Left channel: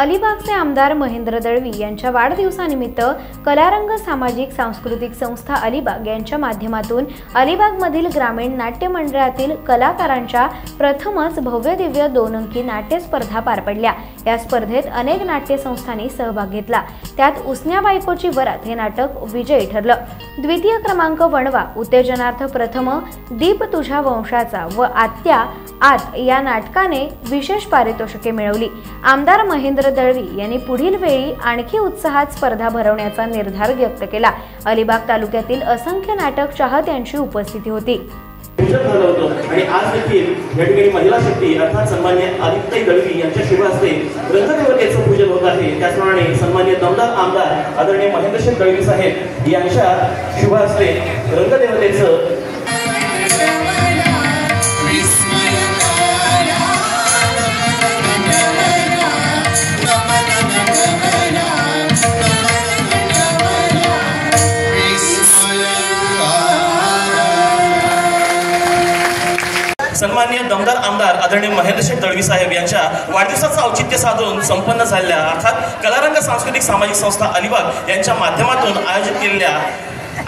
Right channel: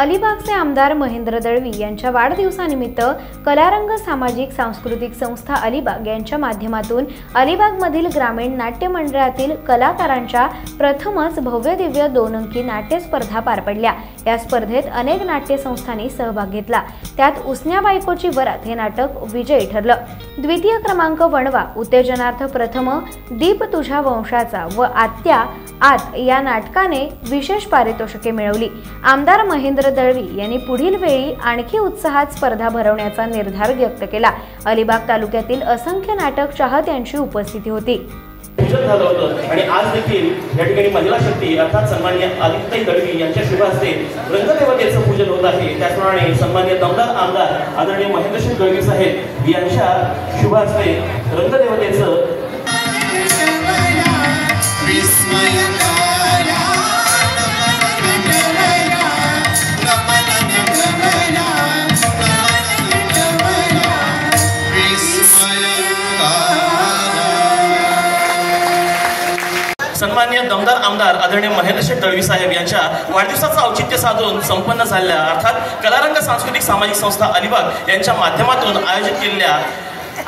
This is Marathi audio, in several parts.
अलिबागचे आमदार महेंद्र दळवी यांच्या वाढदिवसानिमित्त कलारंग सामाजिक सांस्कृतिक संस्था अलिबाग यांच्या माध्यमातून अलिबागमधील ग्रामीण नाट्य मंडळातील कलाकारांच्या प्रथमच भव्य दिव्य 2 अंकी नाट्य स्पर्धा पार पडल्या। या स्पर्धेत अनेक नाट्य संस्थांनी सहभाग घेतला। त्यात उसन्या बायकोची वरात हे नाटक विजयी ठरलं। द्वितीय क्रमांक वणवा उत्तेजनार्थ प्रथम दीप तुझ्या वंशाचा व आत्या आत या नाटकाने विशेष पारितोषिके मिळवली। आमदार महेंद्र दळवी यांनी पुढील वेळी आणखी उत्साहात स्पर्धा भरवण्याचा निर्धार व्यक्त केला। अलिबाग तालुक्यातील असंख्य नाटक चाहत्यांची उपस्थिती होती। आणि आज देखील या ठिकाणी महिला शक्ती अर्थात सन्माननीय आदित्य दळवी यांच्या शुभ हस्ते रंगदेवतेचं पूजन होत आहे। त्याचप्रमाणे सन्माननीय दमदार आमदार आदरणीय महेंद्र दळवी साहेब यांच्या शुभ हस्ते रंगदेवतेचं सन्माननीय दमदार आमदार आदरणीय महेंद्र दळवी साहेब यांच्या वाढदिवसाचं औचित्य साधून संपन्न झालेल्या अर्थात कलारंग सांस्कृतिक सामाजिक संस्था अलिबाग यांच्या माध्यमातून आयोजित केलेल्या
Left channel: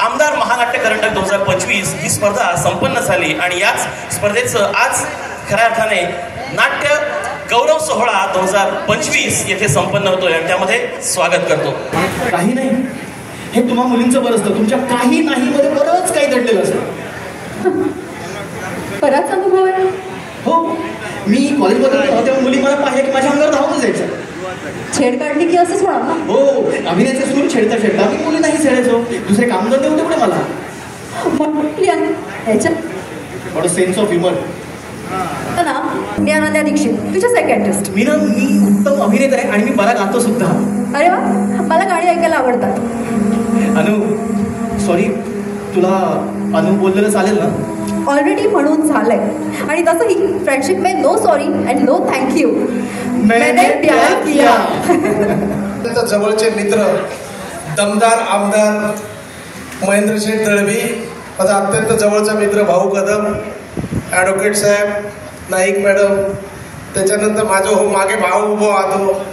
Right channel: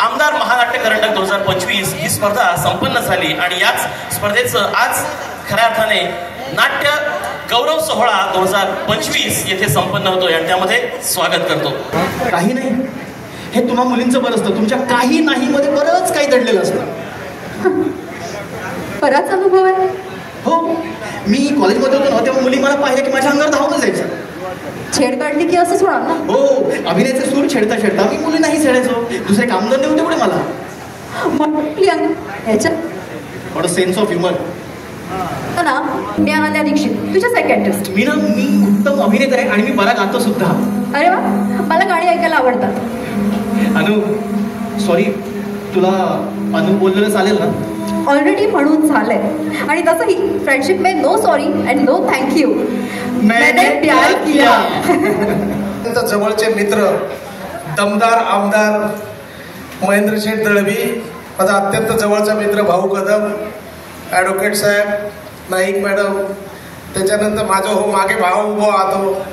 आमदार महानाट्य करंडक 2025 ही स्पर्धा संपन्न झाली आणि याच स्पर्धेचं आज खऱ्या अर्थाने नाट्य गौरव सोहळा 2025 येथे संपन्न होतोय आणि त्यामध्ये स्वागत करतो। काही नाही हे तुम्हा मुलींचं बरं असतं, तुमच्या काही नाही मध्ये बरंच काही घडलेलं असतं। बराच अनुभव आहे। हो, मी कॉलेजमध्ये होतो तेव्हा मुली मला पाहिले की माझ्या अंगावर धावून जायचं। छेड काढली की असंच होणार ना? हो, अभिनयाचे सूर छेडता छेडता मी मुली नाही छेडायचो। दुसरे कामधंदे होते पुढे मला। ह्याच्यात सेन्स ऑफ ह्युमर ना। ज्ञानाद्या दीक्षित तुझ्या सेकंड टेस्ट। मी उत्तम अभिनेता आहे आणि मी बरा गातो सुद्धा। अरे वा, मला गाणी ऐकायला आवडतात। अनु सॉरी, तुला अनु बोललेलं चालेल ना? ऑलरेडी म्हणून झालंय आणि तसंही फ्रेंडशिप में no sorry and no thank you. मैंने प्यार किया। जवळचे मित्र दमदार आमदार महेंद्र दळवी, माझा अत्यंत जवळचा मित्र भाऊ कदम, ॲडव्होकेट साहेब, नाईक मॅडम, त्याच्यानंतर माझं हो मागे भाऊ उभो आतो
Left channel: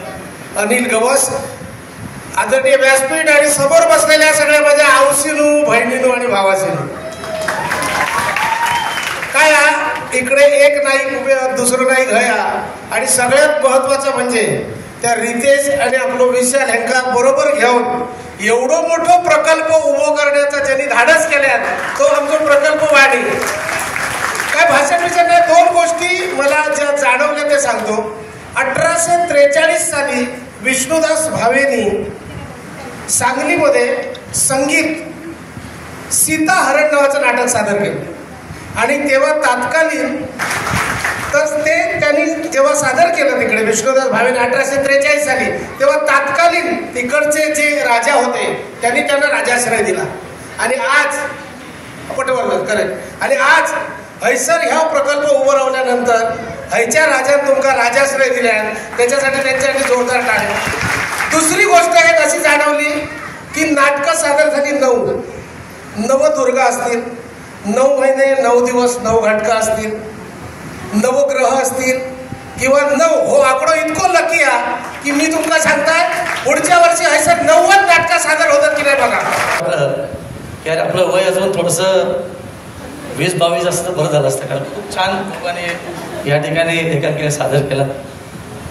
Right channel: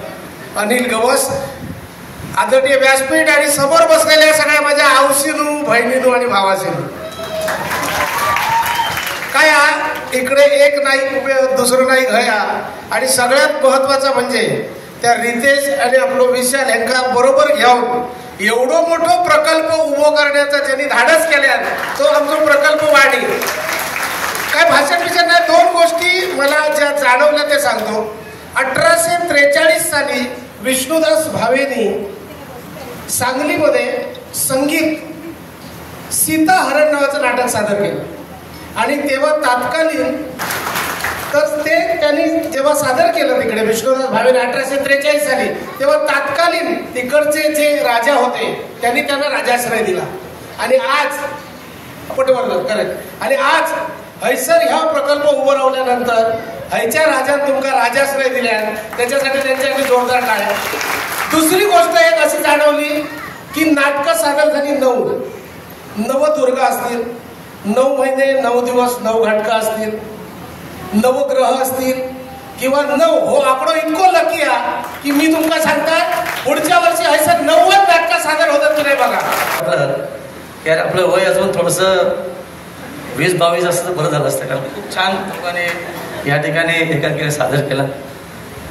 अनिल गवस, आदरणीय व्यासपीठ आणि समोर बसलेल्या सगळ्या माझ्या आऊसीनू, बहिणीनू आणि भावासीनू। काय इकडे एक नाही उभे, दुसरं नाही घया, आणि सगळ्यात महत्वाचं म्हणजे त्या रितेश आणि आपलं विशाल यांना बरोबर घेऊन एवढं मोठं प्रकल्प उभो करण्याचा ज्यांनी धाडस केल्या तो आमचा प्रकल्प वाढी। काय भाषण विषय नाही, 2 गोष्टी मला ज्या जाणवल्या ते सांगतो। 1843 साली विष्णुदास भावेनी सांगलीमध्ये संगीत सीताहरण नावाचं नाटक सादर केलं आणि तेव्हा तात्कालीन तर ते त्यांनी जेव्हा सादर केलं तिकडे विष्णुदास भावेने 1843 साली, तेव्हा तात्कालीन तिकडचे जे राजा होते त्यांनी त्यांना राजाश्रय दिला आणि आज पटवर्धन करेक्ट आणि आज हैसर ह्या प्रकल्प उभं राहिल्यानंतर हैच्या राजाने तुमका राजाश्रय दिल्या, त्याच्यासाठी त्यांच्यासाठी जोरदार टाळ्या। दुसरी गोष्ट एक अशी जाणवली की नाटकं सादर झाली 9 नवदुर्गा असतील, 9 महिने 9 दिवस 9 घाटका असतील, नवग्रह असतील किंवा 9 हो आकडो इतको लकी आहे की मी तुमका सांगता पुढच्या वर्षी हैसर 90 नाटकं सादर होतात की नाही बघा। यार आपलं वय अजून थोडंसं 20-22 असतं बरं झालं असतं, कारण खूप छान लोकांनी या ठिकाणी एकांकिका सादर केला।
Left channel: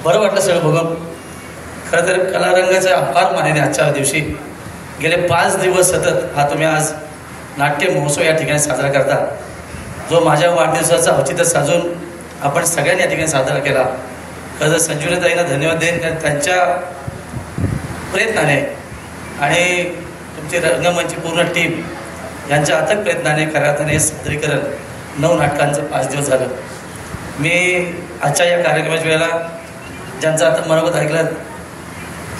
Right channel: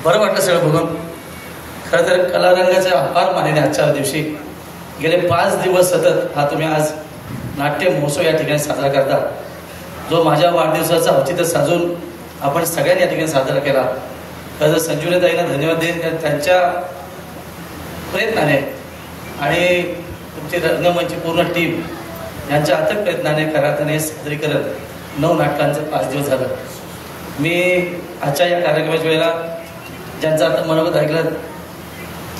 बरं वाटलं सगळं बघून। खरं तर कलारंगाचं अपार मानेने आजच्या दिवशी गेले 5 दिवस सतत हा तुम्ही आज नाट्य महोत्सव या ठिकाणी साजरा करता, जो माझ्या वाढदिवसाचा औचित्य साजून आपण सगळ्यांनी या ठिकाणी साजरा केला। खरं तर संजीवनीताईंना धन्यवाद देईन, कारण त्यांच्या प्रयत्नाने आणि तुमची रंगमंच पूर्ण टीम यांच्या अथक प्रयत्नाने खऱ्या अर्थाने सादरीकरण 9 नाटकांचं 5 दिवस झालं। मी आजच्या या कार्यक्रमाच्या वेळेला ज्यांचं आता मनोगत ऐकलं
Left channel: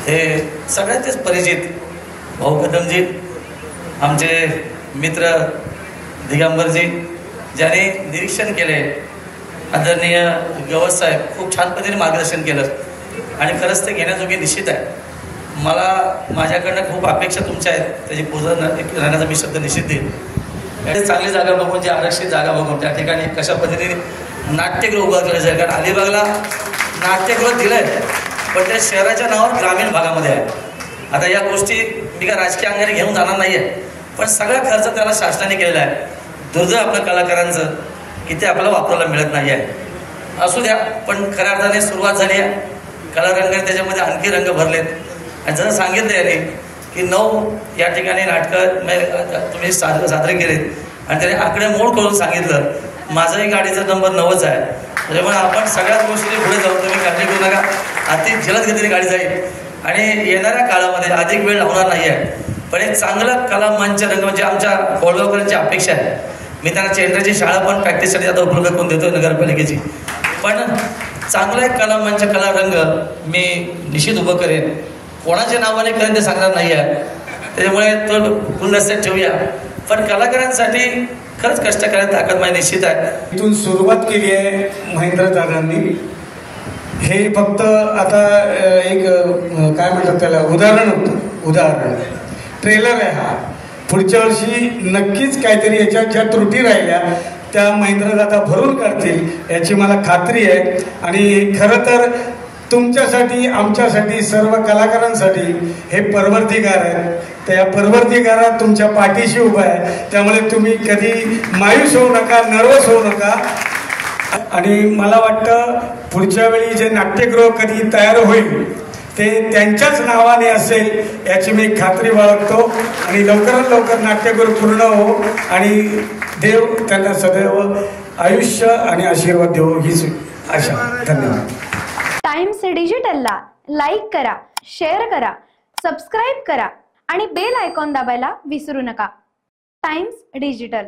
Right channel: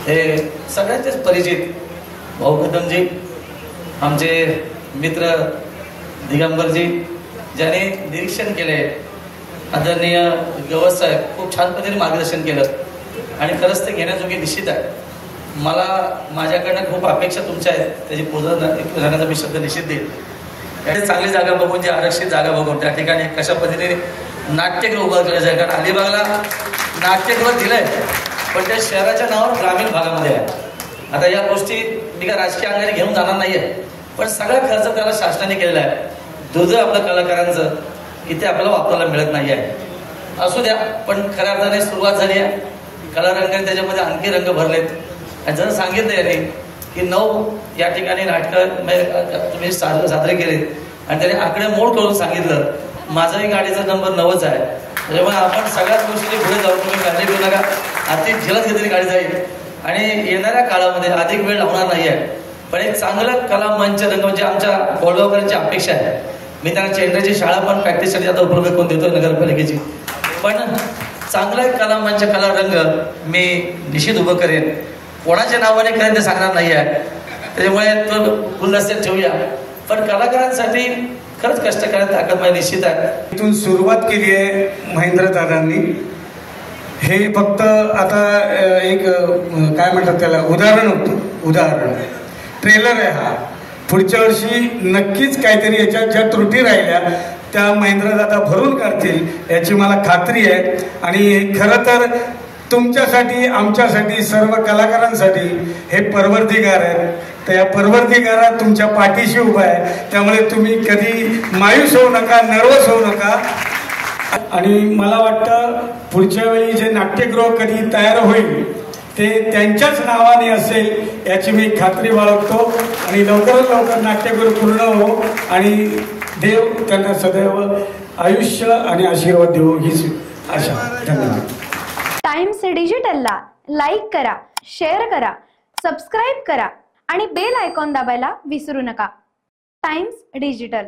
हे सगळ्यांचेच परिचित भाऊ कदमजी, आमचे मित्र दिगंबरजी, ज्याने निरीक्षण केले, आदरणीय गवस साहेब खूप छान पद्धतीने मार्गदर्शन केलं आणि खरंच ते घेण्याजोगे निश्चित आहे। मला माझ्याकडनं खूप अपेक्षा तुमच्या आहेत, त्याची पूर्ण राहण्याचा मी शब्द निश्चित देईन। चांगली जागा बघून, जी आरक्षित जागा बघून त्या ठिकाणी कशा पद्धतीने नाट्यगृह उभं केलं जाईल, कारण अलिबागला नाट्यगृह दिलंय पण त्या शहराच्या नावावर ग्रामीण भागामध्ये आहे. आता या गोष्टी मी का राजकीय अंगाने घेऊन जाणार नाहीये, पण सगळा खर्च त्याला शासनाने केलेला आहे. दुर्दैव आपल्या कलाकारांचं इथे आपल्याला वापरायला मिळत नाही आहे. असू द्या, पण खऱ्या अर्थाने सुरुवात झाली आहे. कलारंगाने त्याच्यामध्ये आणखी रंग भरलेत. आणि जसं सांगितलं याने की 9 या ठिकाणी नाटकं तुम्ही साजरे केलेत आणि त्याने आकडेमोड करून सांगितलं. माझाही गाडीचा नंबर 9च आहे. त्याच्यामुळे आपण सगळ्याच गोष्टी पुढे जाऊ. तुम्ही काळजी करू नका. अति जलद गतीने गाडी जाईल आणि येणाऱ्या काळामध्ये अधिक वेळ लागणार नाही आहे. पण एक चांगला कला मंच रंग म्हणजे आमच्या कोळगावकरांची अपेक्षा आहे. मी त्यांना चेंडूची शाळा पण प्रॅक्टिससाठी आता उपलब्ध करून देतोय नगरपालिकेची. पण चांगला एक कला मंच कला रंग मी निश्चित उभं करेन. कोणाच्या नावाने करेन ते सांगणार नाही आहे. त्याच्यामुळे तो गुलदस्त्यात ठेवूया. पण कलाकारांसाठी खरंच कष्ट करायला ताकद माझी निश्चित आहे. इथून सुरुवात केली आहे महेंद्र दादांनी. हे फक्त आता एक काय म्हणतात त्याला उदाहरण होतं, उदाहरण ट्रेलर आहे हा. पुढच्या वर्षी नक्कीच काहीतरी याच्यात ज्या त्रुटी राहिल्या त्या महेंद्र दादा भरून काढतील याची मला खात्री आहे. आणि खरं तर तुमच्यासाठी, आमच्यासाठी, सर्व कलाकारांसाठी हे परवरदिगार आहे. तर या परवरदिगारात तुमच्या पाठीशी उभा आहे. त्यामुळे तुम्ही कधी मायूस होऊ नका, नर्वस होऊ नका. आणि मला वाटतं पुढच्या वेळी जे नाट्यगृह कधी तयार होईल ते त्यांच्याच नावाने असेल याची मी खात्री बाळगतो. आणि लवकरात लवकर नाट्यगृह पूर्ण हो आणि देव त्यांना सदैव आयुष्य आणि आशीर्वाद देवो हीच आशा. धन्यवाद. टाइम्स डिजिटलला लाईक करा, शेअर करा, सबस्क्राईब करा आणि बेल आयकॉन दाबायला विसरू नका. Times digital.